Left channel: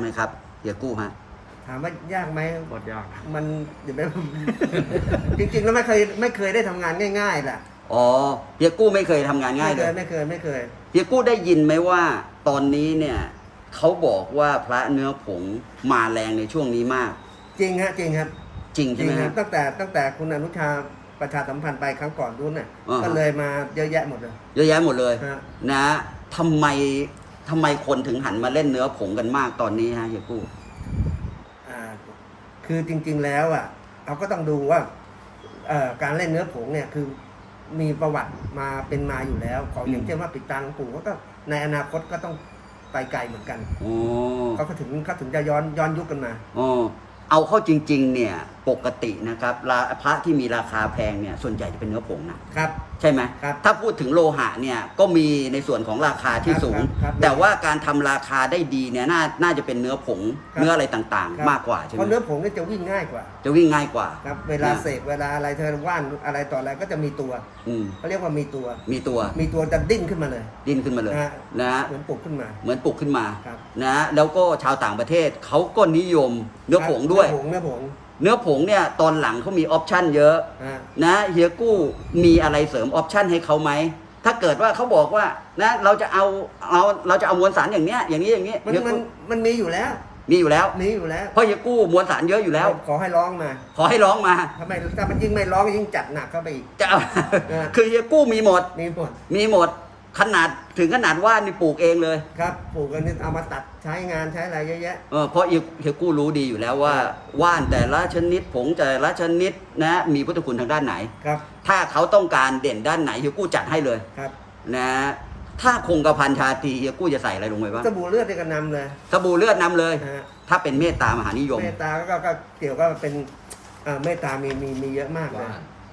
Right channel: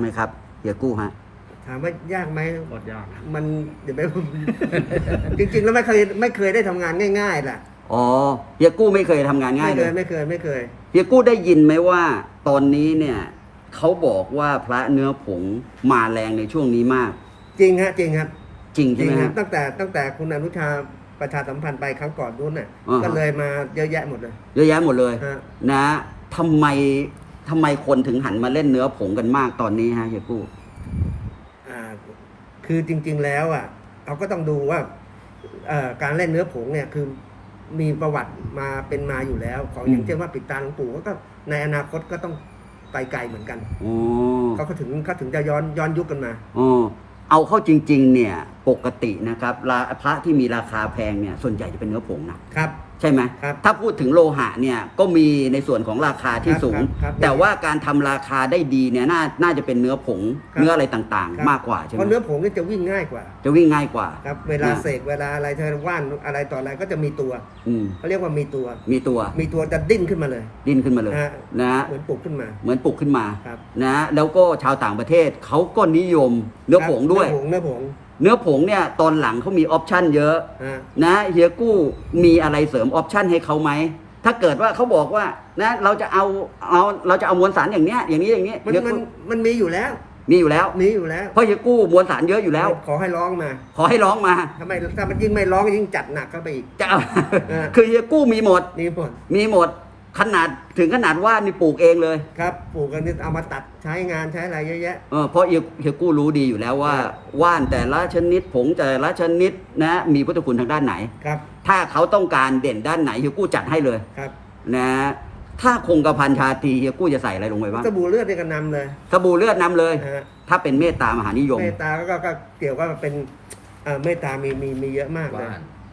ไหมครับเฮียกู้ฮะ ถามว่ายากไหมหมดยาก มันเดี๋ยวไป จริง ๆ แล้วไม่เคยไม่เคยได้ทำงานง่าย ๆ ล่ะ อ๋อเฮียกู้ไม่เคยทำงานง่าไม่ยเคเลยยไม่เคยไม่เคย เฮียกู้ได้ยินไหมว่าตอนนี้เนี่ยเขาบอกว่าพระเนื้อผงมาแรงในช่วงนี้มาก จริงฮะจริงครับ จริงจใช่ริงไหมคครัรับบตั้งแต่ตั้งแต่คุณอนุชาประชาสัมพันธ์ไปครั้งก่อนนู้นน่ะอืมก็เลยมาเยอะแยะหมดเลย เยอะแยะหมดเลยฮะ นะทำไม ทำไมคนถึงหันมาเล่นเนื้อผงกันมากตอนนี้ฮะเฮียกู้อ่าคือจริงๆแล้วอะเราก็ต้องดูว่าเอ่อการเล่นเนื้อผงเนี่ยคือมีประวัติมาเป็นมาอยู่แล้ว ของอย่างเช่นว่าปิดตาหลวงปู่ก็ก็ในอนาคตก็ต้องไปไกลเหมือนกัน อ๋อเขาก็ถึงเขาถึงจะย้อนย้อนยุคกันมา อ๋อเอาเข้าจริง ๆ เนี่ย ปกตินะครับราพระที่มีราคาแพงเนี่ยส่วนใหญ่จะเป็นเนื้อผงนะครับ ใช่ไหมครับถ้าพูดถึงโลหะเนี่ยก็มีในส่วนของราคาที่ครับสูงครับครับแต่ว่าการทำราคาได้ดีเนี่ยน่าน่าจะเป็นเนื้อผงครับเนื้ออะไรต่างครับๆมากกว่าใช่ไหเพมราะเนื้อผงนี่จะวิ่งง่ายกว่า จะวิ่งง่ายกว่าครับเวลาอืมเสกเวลาอะไรเธอว่านอะไรต่ออะไรก็จะมีตัวอืมเขาเรียกว่ามีตัวมีตัวมีตัวจะดิ้นขึ้นมาเลย ดิ้นขึ้นมาเลยฮะนะเหมือนปลุกขึ้นมา เหมือนปลุกขึ้นมาครับนะแล้วก็ชาวต่างประเทศเขาก็นิยมเนื้อผงด้วยเนื้อผงเนื้อผง เนื้อผงเนี่ยตอนหลังเขามีออปชั่นเยอะฮะนะเฮียกู้มีอะไรเสริมออปชั่นให้เขาไหม ถ้าเกิดว่าเขาบอกว่านะเราจะเอาเอาเราจะเอามวลสารอย่างเนี้ยอย่างนี้อย่างนี้มันเฮียมันกู้มันมีอยู่แล้ว มีอยู่แล้ว มีอยู่แล้วเพราะเฮียกู้มวลสารเยอะอยู่แล้ว ขอให้ร้องมาขอให้ร้องมาถ้าไม่ถ้ามันยิ่งไม่ร้องยิ่งจัดหนักเข้าไปอีก จะเอา เออ คือเฮียกู้มีหมด นี่หมด มีหมด ขนาดถึงขนาดว่านี่ปลูกเองเลยครับปลูกกันนี่เอามาตัดใช้งานใช้อะไรเยอะแยะ เออเพราะเฮียเฮียกู้รู้ดีอยู่แล้วว่าเออว่านแต่ละชนิดผงแต่ละชนิดนะมีพุทธคุณทางด้านไหน ครับ ถ้าเขาต้องการเด่นด้านไหนเฮียกู้จัดให้เลยครับ นะถ้าคงกระพันชาตรีเฮียกู้จะใส่อะไรลงไปบ้างสบู่เลือดนี่ก็นำเลยสบู่เลือดนำเลยนะฮะถ้าเป็นเมตตามหานิยม เมตตาก็ก็เกี่ยวก็เป็นเอ่อเมตตามีมีมีเยอะมากเลย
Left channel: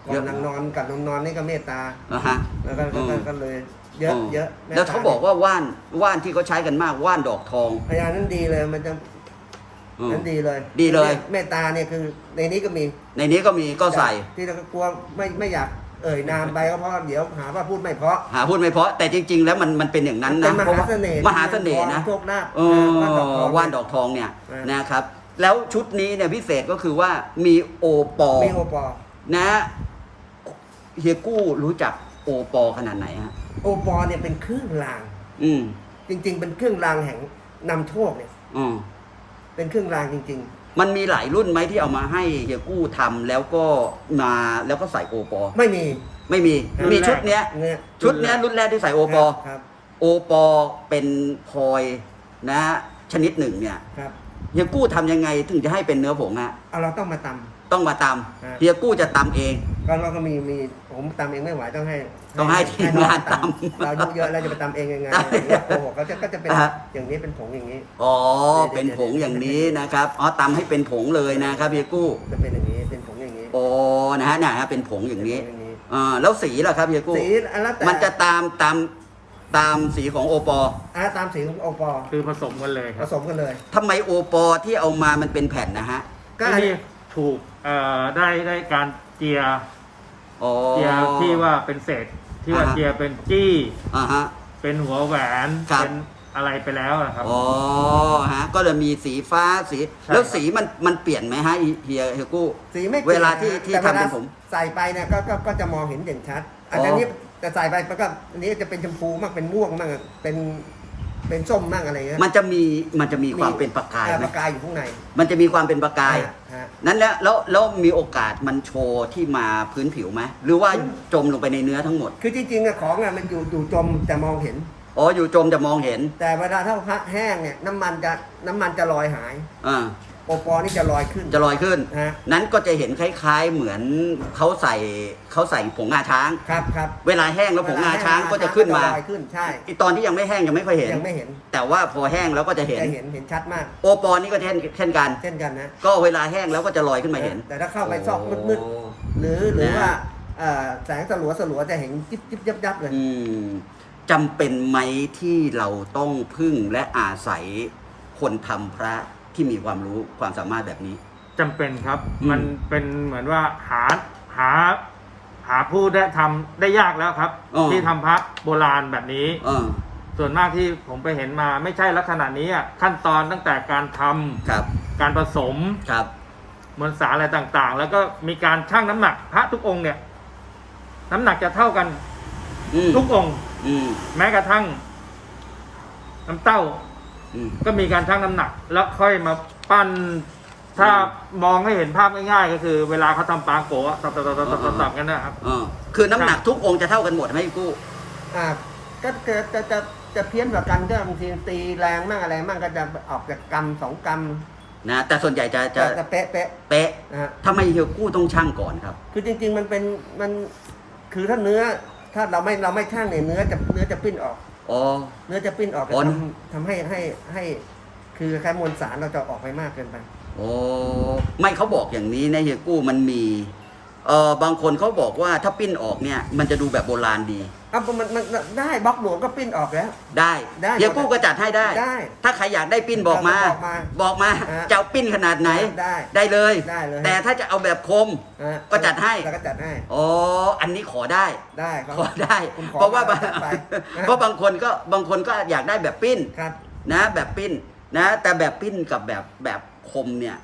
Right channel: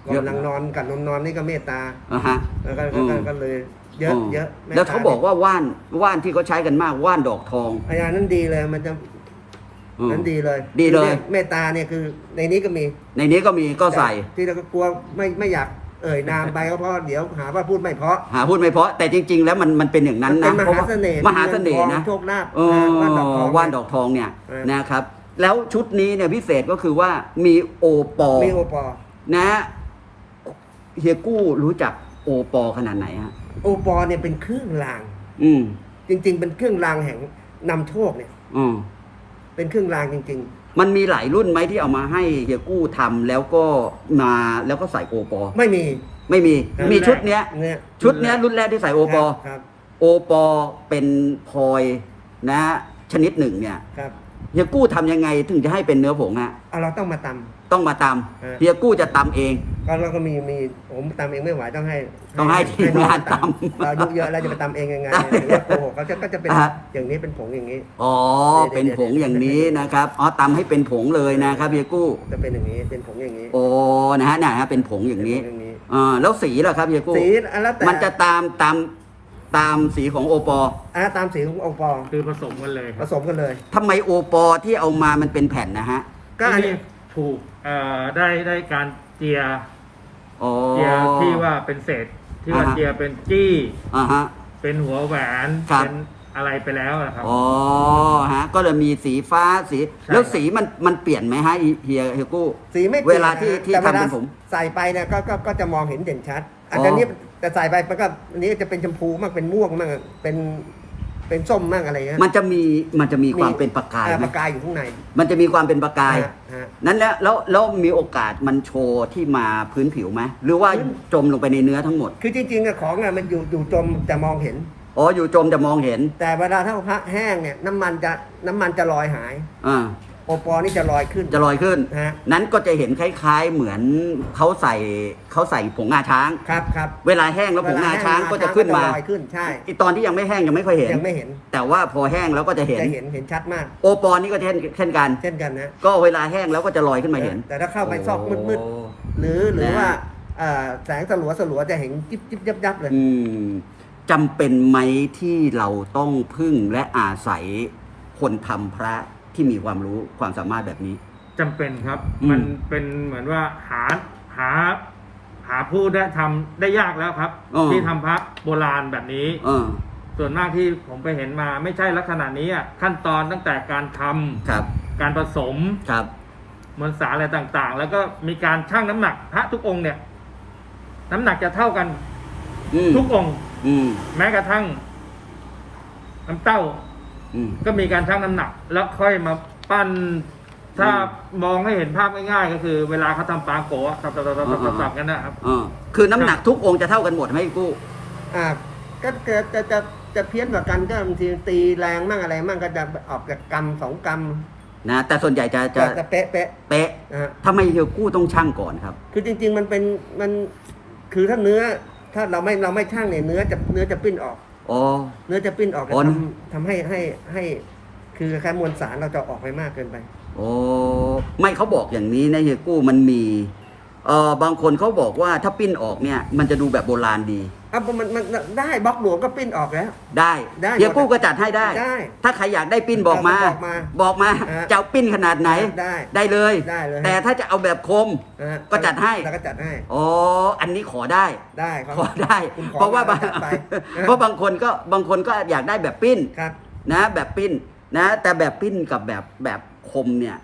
ว่านก่อนหลังนอนกับนอนนอนนี่ก็เมตตานะฮะแล้วก็ก็ก็อืมก็เลย เยอะมเยอะมตแล้วตเขาบอกว่าว่านว่านที่เขาใช้กันมากว่านดอกทองไอ้อันนั้นดีเลยมันจะอืม นั้นดีเลยดีเลย คือเมตตาเนี่ยคือในนี้ก็มีในนี้ก็มีก็ใส่ ที่เราก็กลัวไม่ไม่อยากเอ่ยนามไปก็เพราะเดี๋ยวหาว่าพูดไม่เพราะหาพูดไม่เพราะแต่จริง ๆ แล้วมันมันเป็นอย่างนั้นมันนะเป็นมหาเสน่ห์มหาเสน่ห์งินะทองโชคลาภเออนะว่านดอกทองว่านเนี่ยดอกทองเนี่ยเออนะครับ แล้วชุดนี้เนี่ยพิเศษก็คือว่ามีโอปอ มีโอปอ นะเฮียกู้รู้จักโอปอขนาดไหนฮะ โอปอเนี่ยเป็นเครื่องราง อืม จริง ๆ เป็นเครื่องรางแห่งนำโชคเนี่ย อืม เป็นเครื่องรางจริง มันมีหลายรุ่นไหมที่เอามาให้เฮียกู้ทำแล้วก็มาแล้วก็ใส่โอปอๆ ไม่มีไม่มีครับมีชุดเนี้ย เนี่ยชุดเนี้ยรุ่นแรกที่ใส่โอปอ ครับ โอปอเป็นพลอยนะ ชนิดหนึ่งเนี่ยครับ เฮียกู้ทำยังไงถึงจะให้เป็นเนื้อผงฮะเอาเราต้องมาต ต้องมาตฮะำเฮียกู้จะตำเองำก็เราก็มีมีผมตำเองไม่ไหวต้องให้ต้องให้ทีมน้องงานตตำำเราอายุเยอะแล้วจะไปตำเองยังไงหรือว่าโกหกเขาจะก็จะเป็นฮะอย่างนี้เป็นผงอย่างนี้อ๋อเดี๋เป็ยนวผงอย่างนี้นะครับอ๋อตำให้เป็นผงเลยนะครับเฮียกู้จะเป็นอย่างนี้เป็นผงอย่างนี้โอ้นะฮะเนี่ยฮะเป็นผงอย่างนี้เป็นผงอย่างนี้อ่าแล้วสีล่ะครับเฮียกู้สีอันแล้วแต่มันจะตามตามตามสีของโอปออะตามสีของโอปอคือผสมกันเลย ผสมกันเลยทำไมโอปอที่เอามามันเป็นแผ่นนะฮะก็อันนี้นี่ ถูกเอ่อได้ได้การเจียอ๋อ เจียที่ว่าเป็นเศษที่ว่าอ่าฮะ เจียเป็นจี้ อ่าฮะ เป็นหัวแหวนครับ เป็นอะไรไปแล้วอะครับ อ๋อฮะ ก็เลยมีสีฟ้าสี ใช่ แล้วสีมันมันเปลี่ยนไหมฮะเฮียเฮียกู้ สีไม่ปลี่ยนเวลาที่ที่แต่เวลาทำเป็นผมใส่ไปเนี่ยก็ก็ก็จะมองเห็นเด่นชัด อันอ๋อ นี้แต่ใส่ไปมันก็อันนี้จะเป็นชมพูมากเป็นม่วงมากเป็น เป็นส้มมากอะไรเงี้ย มันจะมีมันจะมีความเป็นประกายอ่ไหมประกายอยู่ข้างในมันจะมีความเป็นประกาย ฮะฮะ นั้นแล้วแล้วแล้วมีโอกาสมันโชว์ที่มาพื้นผิวไหมหรือว่าพื้น จมลงไปในเนื้อทั้งหมดคือจริงๆอะของอะมันอยู่อยู่จมแต่มองเห็น อ๋ออยู่จมจะมองเห็นแต่เวลาถ้าพระแห้งเนี่ยน้ำมันจะน้ำมันจะลอยหาย อ่า โอปอนี่จะลอยขึ้น จะลอยขึ้น ฮะ นั้นก็จะเห็นคล้าย ๆ เหมือนเขาใส่เขาใส่ผงงาช้าง ครับครับเวลาแห้งแล้วผงงาช้างเวลก็แห้จะงขึ้นก็มาลอยขึ้นใช่อีตอนที่ยังไม่แห้งยังไม่ค่อยเห็น ยังไม่เห็น แต่ว่าพอแห้งแล้วก็จะเห็น จะเห็นเห็นชัดมาก โอปอนี่ก็เช่นเช่นกัน เช่นกันนะก็เวลาแห้งแล้วก็จะลอยขึ้นมาเห็น แต่ถ้าเข้าไปซอกมืดๆหรือหรือว่าอ่าแสงสลัวสลัวๆจะเห็นจิ๊บจิ๊บยับยับเลย อืมจำเป็นไหมที่เราต้องพึ่งและอาศัยคนทำพระ ที่มีความรู้ความสามารถแบบนี้ จำเป็นครับ อืม มันเป็นเหมือนว่าหาหาหาผู้ได้ทำได้ยากแล้วครับที่ทำพระโบราณแบบนี้ เออส่วนมากที่ผมไปเห็นมาไม่ใช่ลักษณะนี้อะขั้นตอนตั้งแต่การทำครับการผสมครับ มวลสารอะไรต่างๆ แล้วก็มีการชั่งน้ำหนักพระทุกองค์เนี่ย น้ำหนักจะเท่ากันอืมทุกองค์ อืมแม้กระทั่งน้ำเต้า อืม ก็มีการชั่งน้ำหนัก แล้วค่อยมาปั้น ถ้ามองให้เห็นภาพง่ายๆ ก็คือเวลาเขาทำปลาโกะตับตับตับตับตับตับกันนะครับ อ่าคือน้ำหนักทุกองค์จะเท่ากันหมดไหมกู้ อ่าก็จะจะจะจะเพี้ยนกว่ากันก็บางทีตีแรงมั่งอะไรมั่งก็จะออกจากกรรมสองกรรมนะ แต่ส่วนใหญ่จะจะจะจะเป๊ะเป๊ะเป๊ะนะฮะ ทำไมเฮียกู้ต้องช่างก่อนครับ คือจริงๆมันเป็นมันคือถ้าเนื้อถ้าเราไม่เราไม่ช่างเนี่ยเนื้อจะเนื้อจะปิ้นออก อ๋อ เนื้อจะปิ้นออกจะอ๋อ ทำทำให้ให้ให้ คือแค่มวลสารเราจะออกไปมากเกินไป โอ้ไม่เขาบอกอย่างนี้นะเฮียกู้มันมีเออบางคนเขาบอกว่าถ้าปิ้นออกเนี่ย มันจะดูแบบโบราณดี อะมันมันมันได้บล็อกหลวงก็ปิ้นออกแล้ว ได้ได้เฮียหมดกู้ก็จัดให้ได้ ได้ ถ้าใครอยากได้ปิ้นบอกมา บอกมาบอกมาอะจะเอาปิ้นขนาดไหนได้ได้เลยได้เลย แต่ถ้าจะเอาแบบคมอะก็จัดให้แล้วก็จัดให้อ๋ออันนี้ขอได้ได้ครับขอได้คุณขอเพราะว่ามาบางจัดไปเพราะบางคนก็บางคนก็อยากได้แบบปิ้นครับนะแบบปิ้นนะ แต่แบบปิ้นกับแบบแบบคมเนี่ย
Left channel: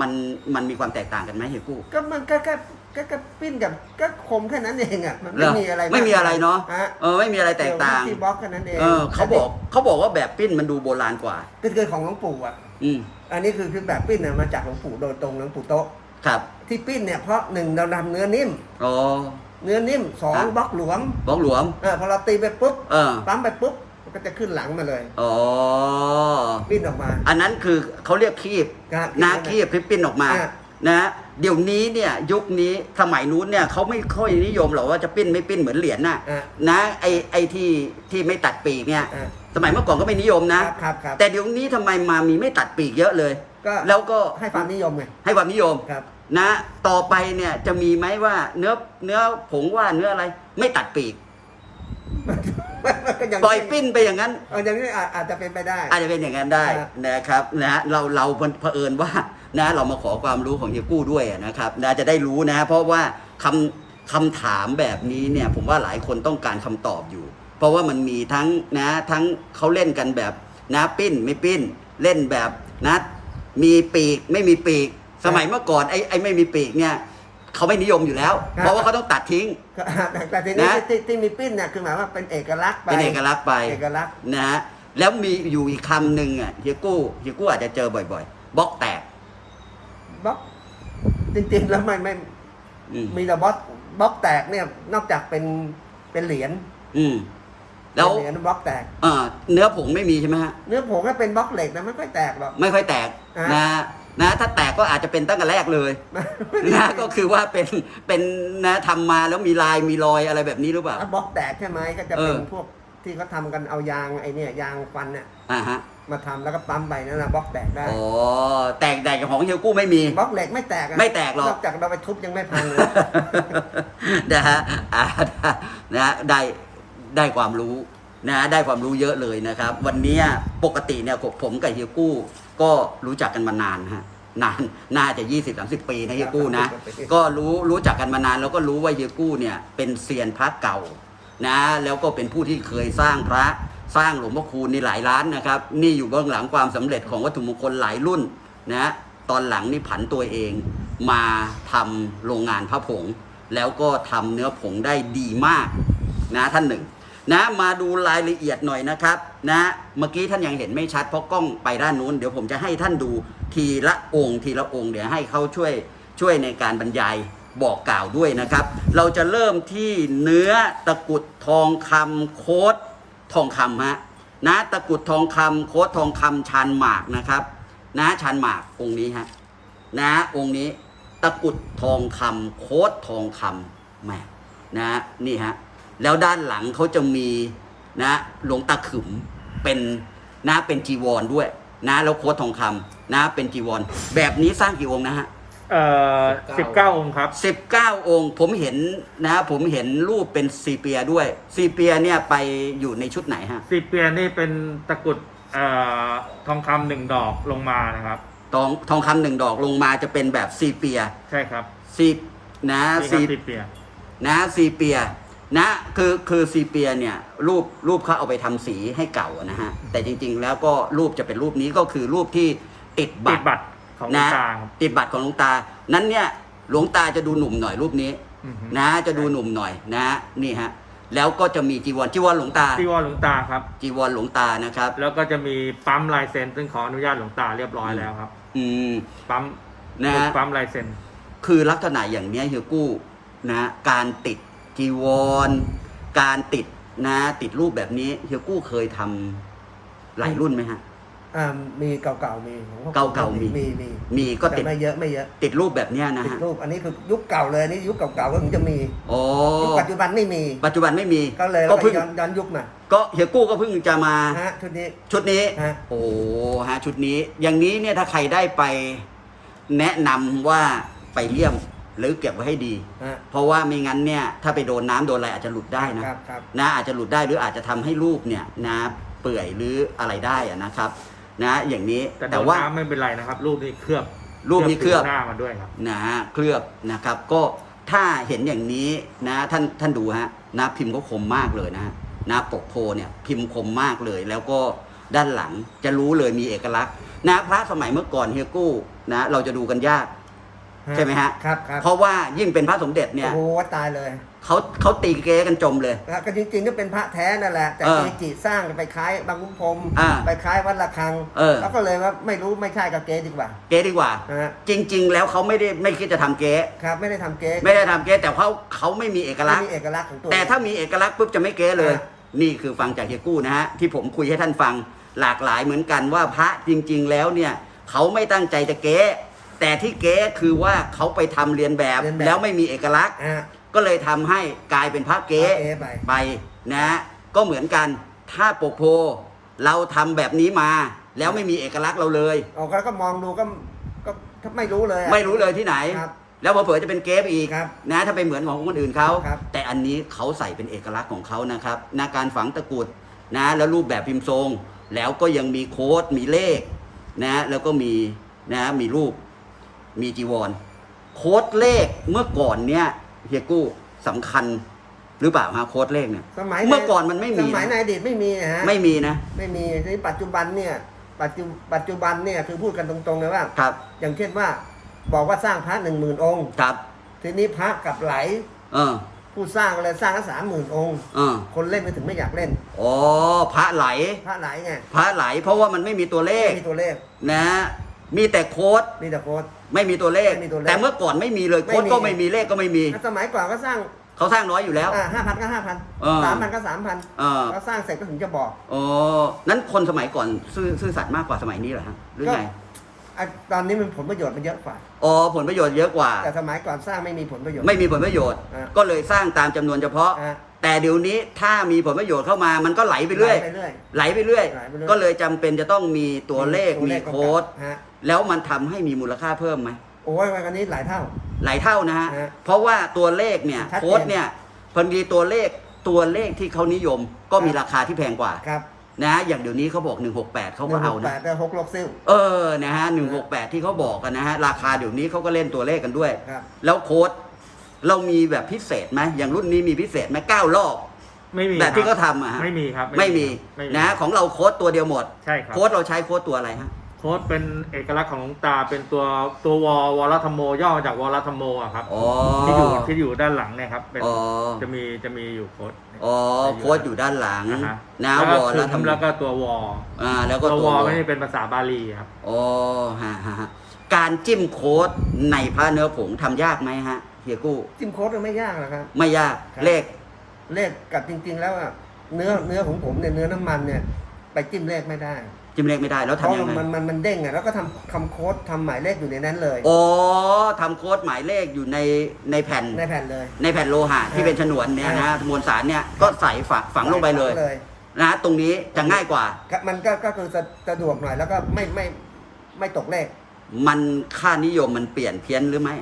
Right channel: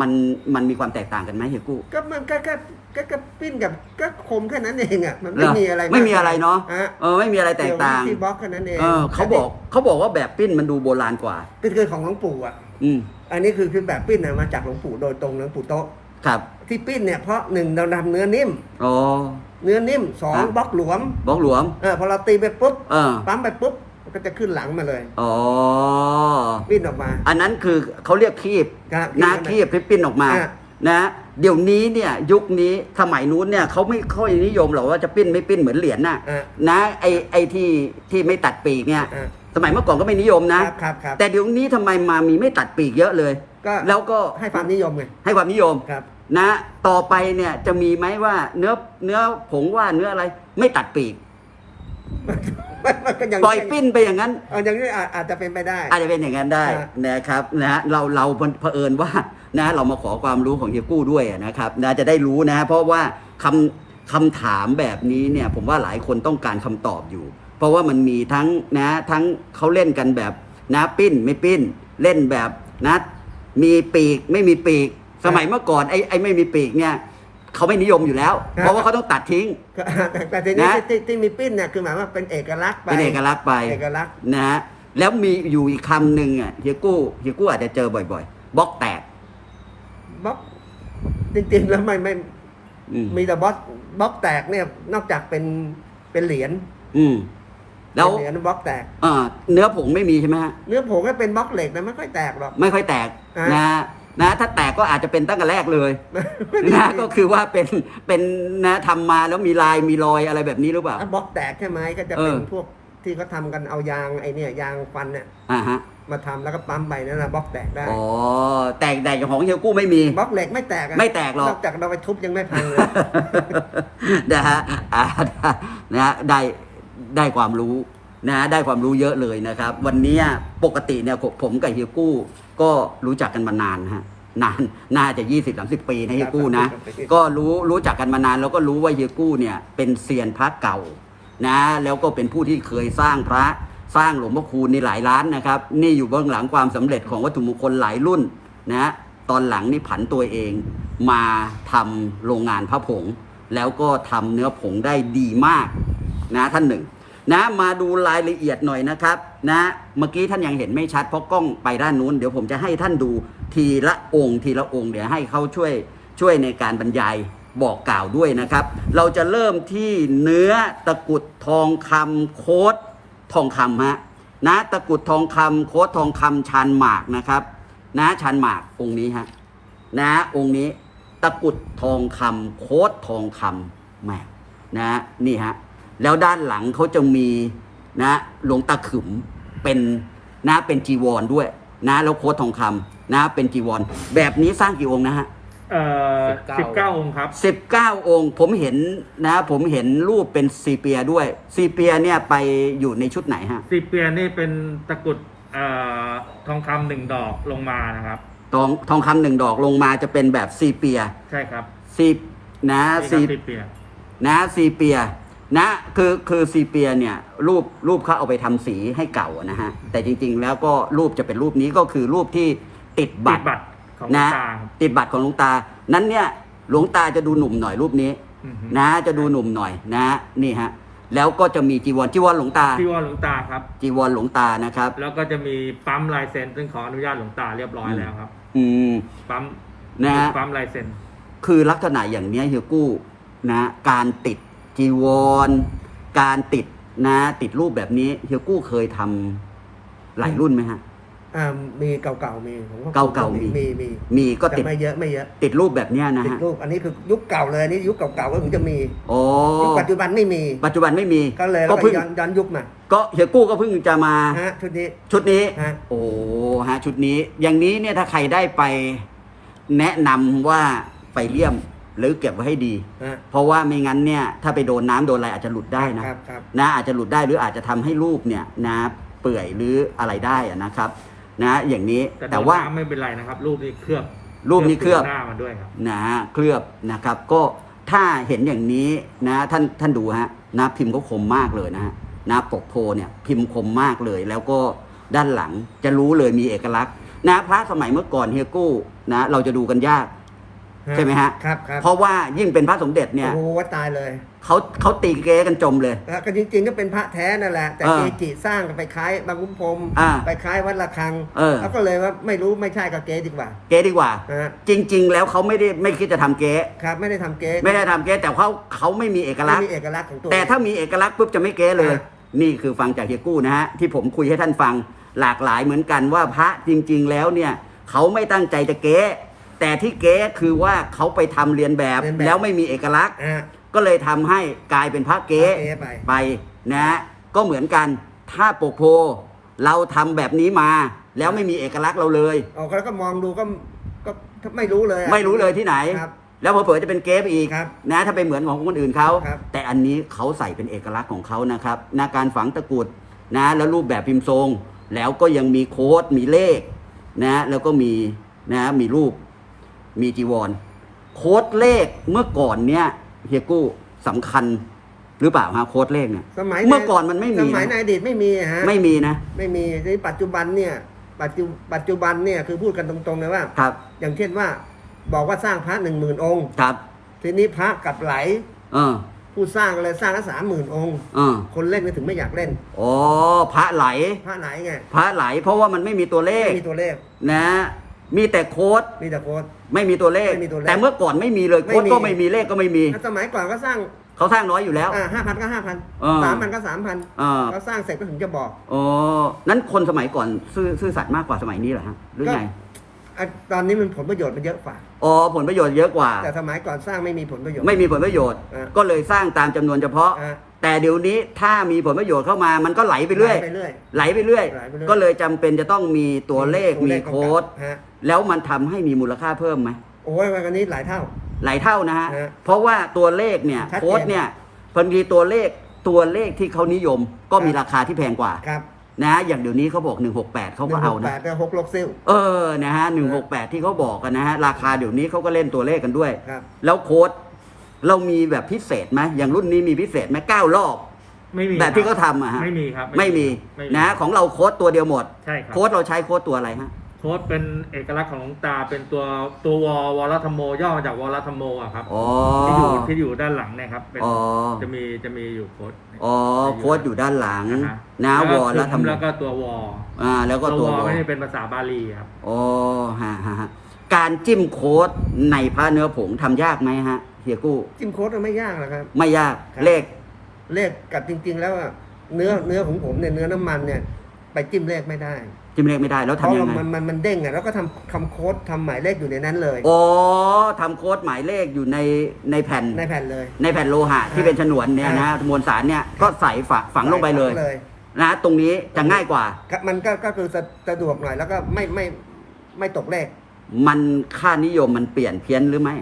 มันมันมีความแตกต่างกันไหมเฮียกู้ ก็มันก็ก็ก็ก็ปิ้นกับก็คมแค่นั้นเองอะมันไม่มีอะไรากไม่มีอะไรเนาะฮะเออไม่มีอะไรแตกเกี่ยวกับต่างที่บล็อกแค่นั้นเองเออเขาบอกเขาบอกว่าแบบปิ้นมันดูโบราณกว่าคือคือของหลวงปู่อะ อืมอันนี้คือคือแบบปิ้นน่ะมาจากหลวงปู่โดยตรงหลวงปู่โตะครับที่ปิ้นเนี่ยเพราะหนึ่งเราทำเนื้อนิ่ม อ๋อ เนื้อนิ่มสองครับ บล็อกหลวมบอกหลวม เออพอเราตีไปปุ๊บเออ ปั๊มไปปุ๊บ มันก็จะขึ้นหลังมาเลยอ๋อปิ้นออกมา อันนั้นคือเขาเรียกคีบครับนะคีบคีบที่ปิ้นออกมาอะนะเดี๋ยวนี้เนี่ยยุคนี้สมัยนู้นเนี่ยเขาไม่ค่อยนิยมหรอกว่าจะปิ้นไม่ปิ้นเหมือนเหรียญน่ะอะนะไอไอที่ที่ไม่ตัดปีกเนี่ยอะสมัยเมื่อก่อนก็ไม่นิยมนะครับครับครับแต่เดี๋ยวนี้ทำไมมามีไม่ตัดปีกเยอะเลย ก็แล้วก็ให้ความนิยมไงให้ความนิยมครับ นะ ต่อไปเนี่ยจะมีไหมว่าเนื้อเนื้อผงว่าเนื้ออะไร ไม่ตัดปีก มันก็ยังปล่อยปิ้นไปอย่างนั้น เอออย่างนี้อาจอาจจะเป็นไปได้ อาจจะเป็นอย่างนั้นได้ฮะนะครับนะเราเราเผอิญว่านะเรามาขอความรู้ของเฮียกู้ด้วยนะครับนะจะได้รู้นะ เพราะว่าคำคำถามแบบนี้เนี่ยผมว่าหลายคนต้องการคำตอบอยู่ เพราะว่ามันมีทั้งนะทั้งเขาเล่นกันแบบนะปิ้นไม่ปิ้นเล่นแบบนะมีปีกไม่มีปีก สมัยเมื่อก่อนไอ้ไอ้ไม่มีปีกเนี่ย เขาไม่นิยมอยู่แล้ว ครับ เพราะว่าเขาต้องตัดทิ้งก็แต่แต่ทีนี้นะ ที่ที่ที่มีปิ้นเนี่ยคือหมายว่าเป็นเอกลักษณ์ไปเป็นเอกลักษณ์ไปเอกลักษณ์นะฮะแล้วมีอยู่อีกคำหนึ่งอะเฮียกู้เฮียกู้อาจจะเจอบ่อยๆบล็อกแตกบล็อกจริงๆแล้วไม่ไม่อืมมีแต่บล็อกบล็อกแตกเนี่ยนอกจากเป็นเป็นเหรียญอืมแล้วเป็นเหรียญบล็อกแตก เอ่อเนื้อผงไม่มีใช่ไหมฮะ เนื้อผงก็เป็นบล็อกเหล็กนะไม่ค่อยแตกหรอก ไม่ค่อยแตกอะนะฮะ นะถ้าแตกก็อาจจะเป็นตั้งแต่แรกเลยไม่มีนะก็คือว่าเป็นเป็นนะทำมาแล้วมีลายมีรอยอะไรแบบนี้หรือเปล่าถ้าบล็อกแตกใช่ไหมก็จะเป็นเออพวกที่เขาทำกันเอายางไอเนี่ยยางฟันเนี่ยอ่าฮะมาทำแล้วก็ปั๊มไปนั่นนะบล็อกแตกได้อ๋อแตกแตกกับของเฮียกู้ไม่มีบล็อกเหล็กไม่แตกอะไม่แตกหรอกนอกจากเราไปทุบยังไม่พังเลยนะฮะอ่านะฮะได้ได้ความรู้นะฮะได้ความรู้เยอะเลยนะครับ วันเนี้ยปกติเนี่ยผมผมกับเฮียกู้ ก็รู้จักกันมานานนะฮะนานน่าจะ 20 30 ปีนะเฮียกู้นะครับก็รู้รู้จักกันมานานแล้วก็รู้ว่าเฮียกู้เนี่ยเป็นเซียนพระเก่านะ แล้วก็เป็นผู้ที่เคยสร้างพระสร้างหลวงพ่อคูณในหลายล้านนะครับ นี่อยู่เบื้องหลังความสำเร็จของวัตถุมงคลหลายรุ่นนะตอนหลังนี่ผันตัวเองมาทำโรงงานพระผง แล้วก็ทำเนื้อผงได้ดีมากนะท่านหนึ่งนะมาดูรายละเอียดหน่อยนะครับ นะเมื่อกี้ท่านยังเห็นไม่ชัดเพราะกล้องไปด้านนู้นเดี๋ยวผมจะให้ท่านดูทีละองค์ทีละองค์เดี๋ยวให้เขาช่วยช่วยในการบรรยายบอกกล่าวด้วยนะครับ เราจะเริ่มที่เนื้อตะกุดทองคำโคดทองคำฮะนะตะกุดทองคำโคดทองคำชานหมากนะครับ นะชานหมากองค์นี้ฮะนะองค์นี้ตะกุดทองคำโคดทองคำแหมนะนี่ฮะแล้วด้านหลังเขาจะมี นะหลวงตาขึมเป็นนะเป็นจีวรด้วยนะแล้วโคดทองคำนะเป็นจีวร แบบนี้สร้างกี่องค์นะฮะเอ่อสิบเก้าองค์ครับสิบเก้าองค์ผมเห็นนะ ผมเห็นรูปเป็นซีเปียด้วย ซีเปียเนี่ยไปอยู่ในชุดไหนฮะ สิบเปียนี่เป็นตะกรุดเอ่อทองคำหนึ่งดอกลงมานะครับ ทองทองคำหนึ่งดอกลงมาจะเป็นแบบซีเปียใช่ครับซีนะใช่ซีครับสิบเปีย นะซีเปีย นะคือคือซีเปียเนี่ยรูปรูปเขาเอาไปทำสีให้เก่านะฮะแต่จริง ๆ แล้วก็รูปจะเป็นรูปนี้ก็คือรูปที่ติดติบัดตรบัตรของหลวนะงตาครับ ติดบัตรของหลวงตา นั้นเนี่ยหลวงตาจะดูหนุ่มหน่อยรูปนี้อือฮึ นะจะดูหนุ่มหน่อยนะนี่ฮะแล้วก็จะมีจีวรจีวรหลวงตา ที่ว่าหลวงตาครับ จีวรหลวงตานะครับ แล้วก็จะมีปั๊มลายเซ็นซึ่งขออนุญาตหลวงตาเรียบร้อยแล้วครับ อืม ปั๊มนะฮะ ปั๊มลายเซ็น คือลักษณะอย่างเนี้ยเฮียกู้นะการติด จีวร การติดนะ ติดรูปแบบนี้เฮียกู้เคยทำหลายรุ่นไหมฮะ อ่ามีเก่าๆมีของพ่อเก่าๆมี มีมีมีก็แต่ติดไม่เยอะไม่เยอะ ติดรูปแบบเนี้ยนะติดฮะรูปอันนี้คือยุคเก่าเลยอันนี้ยุคเก่าๆก็ถึงจะมีโอ้ยุคปัจจุบันไม่มี ปัจจุบันไม่มีก็เลยแล้วก็เพิ่งย้อนย้อนยุคมาก็เฮียกู้ก็เพิ่งจะมาฮะชุดนี้ ชุดนี้ ฮะ โอ้ฮะชุดนี้ อย่างนี้เนี่ยถ้าใครได้ไป แนะนำว่าไปเลี่ยม หรือเก็บไว้ให้ดี ฮะเพราะว่าไม่งั้นเนี่ยถ้าไปโดนน้ำโดนอะไรอาจจะหลุดได้นะ ครับครับ นะอาจจะหลุดได้หรืออาจจะทำให้รูปเนี่ยนะเปื่อยหรืออะไรได้อะนะครับนะอย่างนี้แต่แต่โดนว่าน้ำไม่เป็นไรนะครับ รูปนี้เคลือบรูปนี้เคลือบ หน้ามาด้วยครับ นะฮะเคลือบนะครับ ก็ถ้าเห็นอย่างนี้นะท่านท่านดูฮะนะพิมพ์เขาคมมากเลยนะฮะนะปกโพเนี่ยพิมพ์คมมากเลย แล้วก็ด้านหลังจะรู้เลยมีเอกลักษณ์นะพระสมัยเมื่อก่อนเฮียกู้นะเราจะดูกันยาก ใช่ไหมฮะครับครับเพราะว่ายิ่งเป็นพระสมเด็จเนี่โอ้ยโหตายเลยเขาเขาตีเกกันจมเลย แล้วก็จริงๆก็เป็นพระแท้นั่นแหละ แต่อ่าเกจิสร้างไปคล้ายบางคุ้มพรมอ่าไปคล้ายวัดระฆังเออ แล้วก็เลยว่าไม่รู้ไม่ใช่กับเกดีกว่า เกดีกว่า ฮะ จริง ๆ แล้วเขาไม่ได้ไม่คิดจะทำเก๊ครับ ไม่ได้ทำเกไม่ได้ทำเก๊แต่เขาเขาไม่มีเอกลัไม่กษมีณ์ เอกลักษณ์ของตัวแต่ถ้ามีเอกลักษณ์ปุ๊บจะไม่เก๊เลย อ่านี่คือฟังจากเฮียกู้นะฮะที่ผมคุยให้ท่านฟังหลากหลายเหมือนกันว่าพระจริง ๆ แล้วเนี่ยเขาไม่ตั้งใจจะเก๊ แต่ที่เก๊คือว่าเขาไปทำเรียนแบบเรียนแบบ แล้วไม่มีเอกลักษณ์ อะ ก็เลยทำให้กลายเป็นพระเก๊พระเก๊ไป ไปนะฮะก็เหมือนกันถ้าปกโพเราทำแบบนี้มา แล้วไม่มีเอกลักษณ์เราเลย ออกแล้วก็มองดูก็ก็ไม่รู้เลยอะไม่รู้เลยที่ไหน ครับ แล้วเผลอๆจะเป็นเกฟอีกครับนะถ้าไปเหมือนของคนอื่นเขาครับ แต่อันนี้เขาใส่เป็นเอกลักษณ์ของเขานะครับนะการฝังตะกรุดนะแล้วรูปแบบพิมพ์ทรง แล้วก็ยังมีโค้ดมีเลขนะแล้วก็มีนะมีรูป มีจีวร โค้ดเลขเมื่อก่อนเนี่ยเฮียกู้สำคัญหรือเปล่าฮะโค้ดเลขเนี่ยสมัยเมื่อก่อนมันไม่มีสมัยในอดีตไม่มีอะฮะไม่มีนะ ไม่มีในปัจจุบันเนี่ยปัจจุปัจจุบันเนี่ยคือพูดกันตรงๆเลยว่าครับ อย่างเช่นว่าบอกว่าสร้างพระหนึ่งหมื่นองค์ครับ ทีนี้พระกลับไหลเออผู้สร้างก็เลยสร้างก็สามหมื่นองค์เออคนเล่นก็ถึงไม่อยากเล่นอ๋อพระไหล พระไหลไงพระไหล เพราะว่ามันไม่มีตัวเลขไม่มีตัวเลขนะ มีแต่โค้ดมีแต่โค้ด ไม่มีตัวเลข ไม่มีตัวเลขแต่เมื่อก่อนไม่มีเลยไม่โค้ดมี ก็ไม่มีเลขก็ไม่มีแล้วสมัยก่อนก็สร้างเขาสร้างน้อยอยู่แล้ว อ่าห้าพันก็ห้าพันเออสามพันก็สามพันเออเขาสร้างเสร็จก็ถึงจะบอก อ๋อนั้นคนสมัยก่อนซื่อซื่อสัตย์มากกว่าสมัยนี้เหรอฮะหรือก็ไง อะตอนนี้มันผลประโยชน์มันเยอะกว่า อ๋อผลประโยชน์เยอะกว่า แต่สมัยก่อนสร้างไม่มีผลประโยชน์ ไม่มีผลประโยชน์ อะก็เลยสร้างตามจำนวนเฉพาะ อะ แต่เดี๋ยวนี้ถ้ามีผลประโยชน์เข้ามามันก็ไหลไปเรื่อย ไปเรื่อย ไหลไปเรื่อย ไหลไปเรื่อย ก็เลยจำเป็นจะต้องมีตัวเลขตัวมีเลขกำกับโค้ดฮะแล้วมันทำให้มีมูลค่าเพิ่มไหมโอ้ยวันนี้หลายเท่า หลายเท่านะฮะ ฮะเพราะว่าตัวเลขเนี่ยชัดเจน โค้ดเนี่ยพอดีตัวเลขตัวเลขที่เขานิยมก็มีครับราคาที่แพงกว่า ครับ นะอย่างเดี๋ยวนี้เขาบอก 168เขาหก็นึ่งหเอากแปนะดแต่หกลกซิลเออนะฮะ168 ที่เขาบอกกันนะฮะราคาเดี๋ยวนี้เขาก็เล่นตัวเลขกันด้วย ครับ แล้วโค้ดเรามีแบบพิเศษไหมอย่างรุ่นนี้มีพิเศษไหมเก้ารอบ ไม่มีแบบที่คเขารับทำอะฮะ ไม่มีครับไม่มีไม่มีนะของเราโค้ดตัวเดียวหมด ใช่ครับโค้ดเราใช้โค้ดตัวอะไรฮะ โค้ดเป็นเอกลักษณ์ของหลวงตาเป็นตัวตัววอวรธรรมโมย่อมาจากวรธรรมโมอะครับอ๋อ ที่อยู่ที่อยู่ด้านหลังเนี่ยครับเป็นอ๋อ จะมีจะมีอยู่โค้ด อ๋อโค้ดอยู่ด้านหลังนะนะวอลแล้แล้ววก็ทำแล้วก็ตัววออ่าแล้วก็ตัวตัววอวอไม่ได้เป็นภาษาบาลีครับอ๋อฮะฮะฮะการจิ้มโค้ดในพระเนื้อผงทำยากไหมฮะเฮียกู้ จิ้มโค้ดมันไม่ยากหรอกครับ ไม่ยากครับ เลข เลขกับจริง ๆ แล้วอะเนื้อเนื้อของผมเนี่ยเนื้อน้ำมันเนี่ย ไปจิ้มเลขไม่ได้ จิ้มเลขไม่ได้แล้วเพราะทำยังไง มันมันมันเด้งอะแล้วก็ทำคำโค้ดทำหมายเลขอยู่ในนั้นเลยอ๋อทำโค้ดหมายเลขอยู่ในในแผ่น ในแผ่นเลย ในแผ่นโลหะที่อ่าเป็นฉนวนเนี่ยนะอ่ามวลสารเนี่ยครัก็บใส่ฝังฝังลงไปเลยเลยนะตรงนี้จะง่ายกว่า ครับมันก็ก็คือสะสะดวกหน่อยแล้วก็ไม่ไม่ไม่ตกเลข มันค่านิยมมันเปลี่ยนเพี้ยนหรือไม่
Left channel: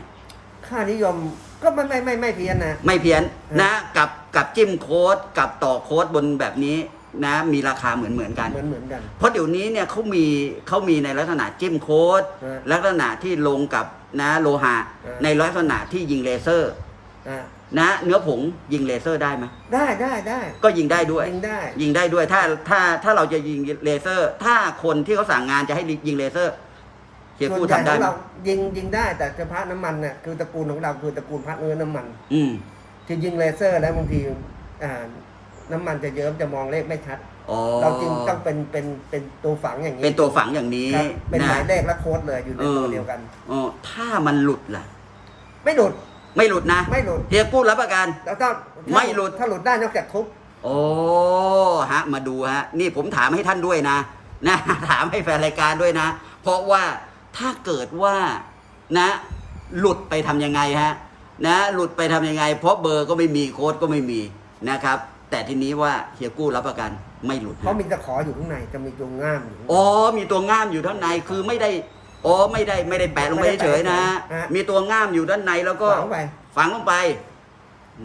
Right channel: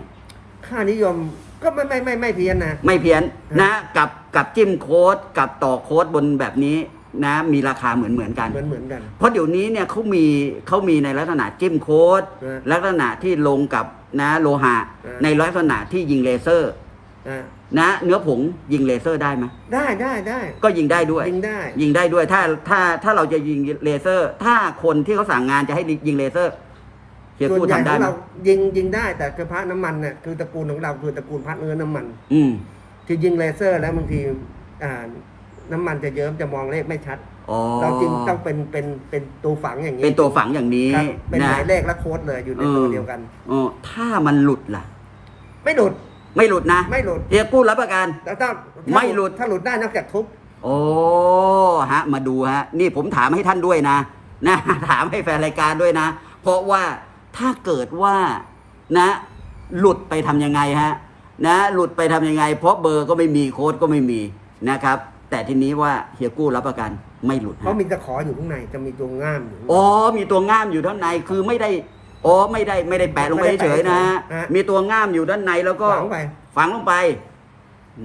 ค่านิยมก็ไม่ไม่ไม่ไม่เพี้ยนนะ ไม่เพี้ยนฮะนะกับกับจิ้มโค้ดกับต่อโค้ดบนแบบนี้ นะมีราคาเหมือนเหมือนกัน เหมือนเหมือนกัน เพราะเดี๋ยวนี้เนี่ยเขามีเขามีในลักษณะจิ้มโค้ดฮะลักษณะที่ลงกับนะโลหะ ฮะ ในลักษณะที่ยิงเลเซอร์ อ่านะเนื้อผงยิงเลเซอร์ได้ไหมได้ได้ได้ก็ยิงได้ด้วย ยิงได้ ยิงได้ด้วยถ้าถ้าถ้าเราจะยิงเลเซอร์ ถ้าคนที่เขาสั่งงานจะให้ยิงเลเซอร์เฮียส่วนกู้ใหญ่ทำขได้องไหมเรายิงยิงได้แต่เฉพาะน้ำมันเนี่ยคือตระกูลของเราคือตระกูลพัดเนื้อน้ำมัน อืม ที่ยิงเลเซอร์แล้วบางทีอ่า น้ำมันจะเยิ้มจะมองเลขไม่ชัด อ๋อเราจึงต้องเป็นเป็นเป็นตัวฝังอย่างนี้เป็นตัวฝังอย่างนี้ครับเป็นหมายะเลขและโค้ดเลยอยู่ในตัวเดียวกันอ๋อถ้ามันหลุดล่ะ ไม่หลุด ไม่หลุดนะ ไม่หลุดเฮียกู้รับประกัน แล้วถ้าถ้าไม่หลุดถ้าหลุดได้นอกจากทุบโอ้ฮะ มาดูฮะ นี่ผมถามให้ท่านด้วยนะนะถามให้แฟนรายการด้วยนะ เพราะว่าถ้าเกิดว่านะ หลุดไปทำยังไงฮะ นะ หลุดไปทำยังไง เพราะเบอร์ก็ไม่มีโค้ดก็ไม่มีนะครับ แต่ทีนี้ว่าเฮียกู้รับประกันไม่หลุดเพราะมีตะขออยู่ข้างในจะมีตัวง่ามอยู่ข้างในอ๋อมีตัวง่ามอยู่ด้านในคือไม่ได้อ๋อไม่ได้ไม่ได้แปะลงไปไม่ได้เฉแปะยๆนะฮะฮะมีตัวง่ามอยู่ด้านในแล้วก็ฝังไปฝังลงไป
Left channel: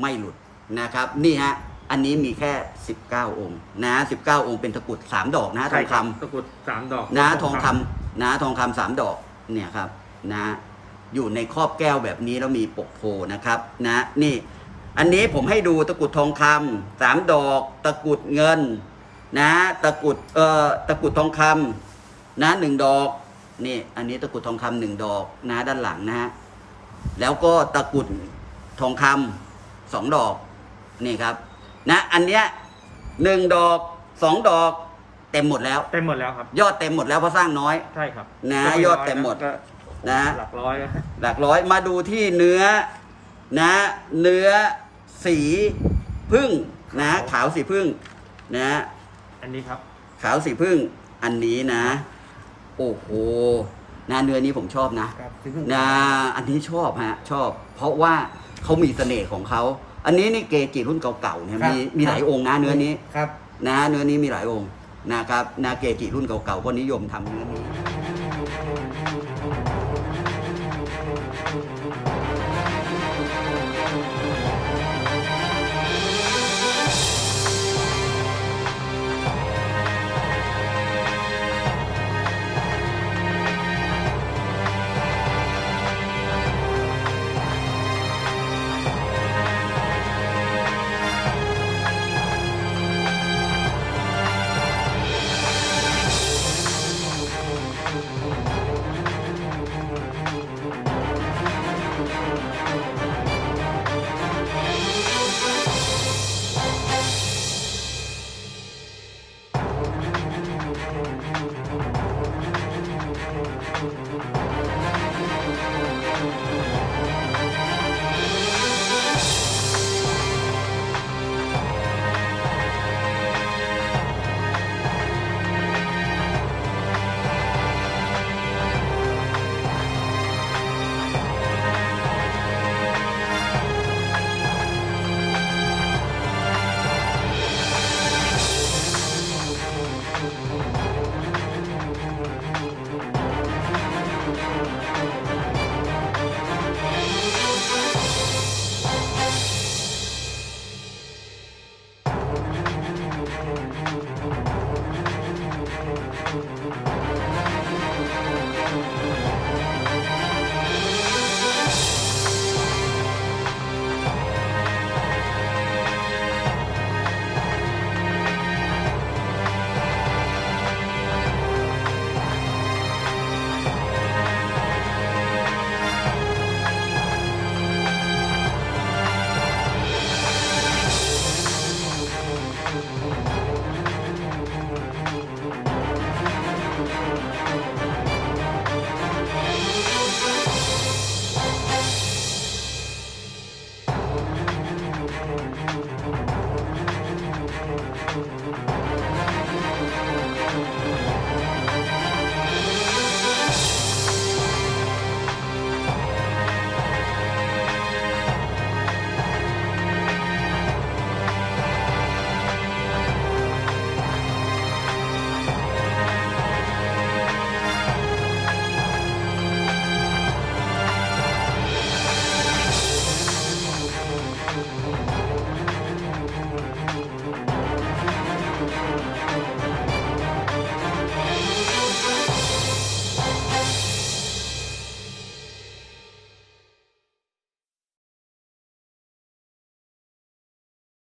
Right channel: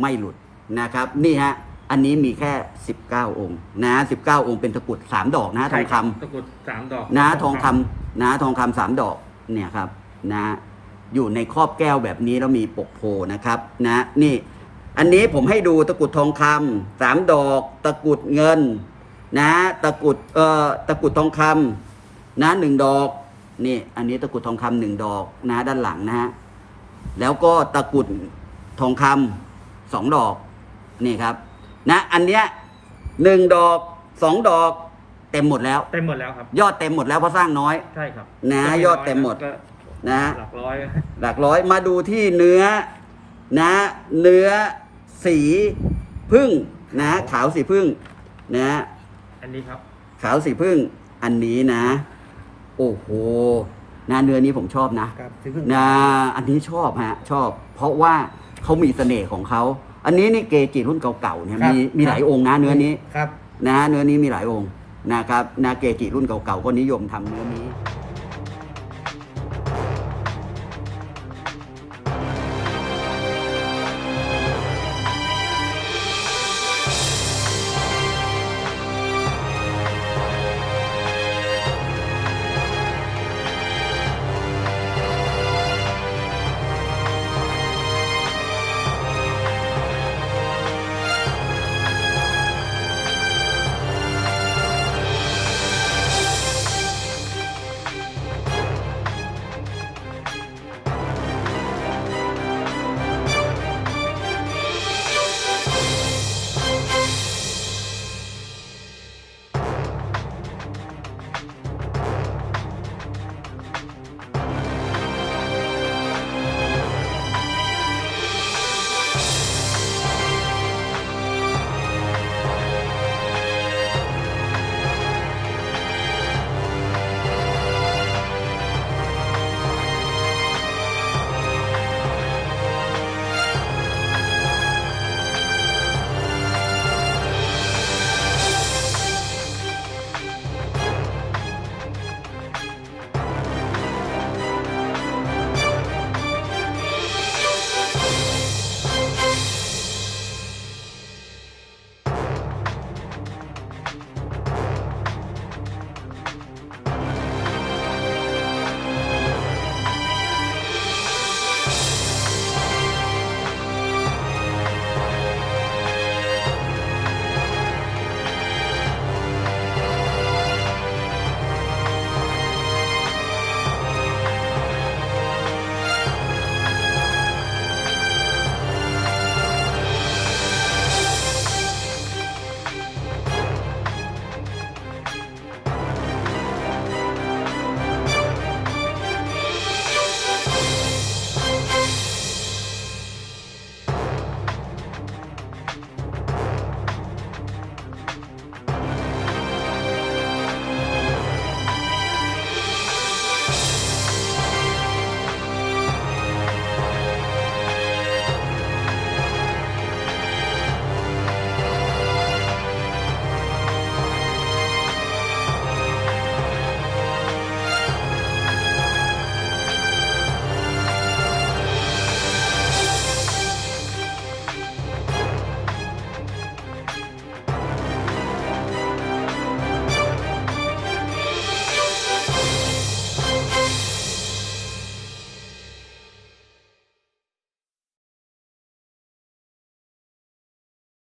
ไม่หลุดนะครับ นี่ฮะอันนี้มีแค่ 19 องค์นะ19 องค์เป็นตะกรุดสามดอกนะทใช่องคคำรับตะกรุดสามดอกนะทองคำนะทองคำสามดอกเนี่ยครับนะอยู่ในครอบแก้วแบบนี้แล้วมีปกโพนะครับ นะนี่ อันนี้ผมให้ดูตะกรุดทองคำสามดอก ตะกรุดเงิน นะตะกรุดเอ่อตะกรุดทองคำนะหนึ่งดอกนี่อันนี้ตะกรุดทองคำหนึ่งดอกนะด้านหลังนะฮะแล้วก็ตะกรุดทองคำสองดอกนี่ครับ นะ อันเนี้ยหนึ่งดอกสองดอกเต็มหมดแล้ว เต็มหมดแล้วครับ ยอดเต็มหมดแล้วเพราะสร้างน้อย ใช่ครับนะยอดเต็มหมด ก็นะหลักร้อยแล้วหลักร้อยมาดูที่เนื้อนะ เนื้อ สีพึ่งนะ ขาวสีพึ่งนะอันนี้ครับ ขาวสีพึ่งอันนี้นะ โอ้โหนะเนื้อนี้ผมชอบนะครับที่เพิ่งนะอันนี้ชอบฮะชอบ เพราะว่าเขามีเสน่ห์ของเขาอันนี้นี่เกจิรุ่นเก่าๆเนี่ยครับมีมีครับหลายองค์นะเนื้อนี้ครับ นะเนื้อนี้มีหลายองค์นะครับนาเกจิรุ่นเก่าๆก็นิยมทำเนื้อนี้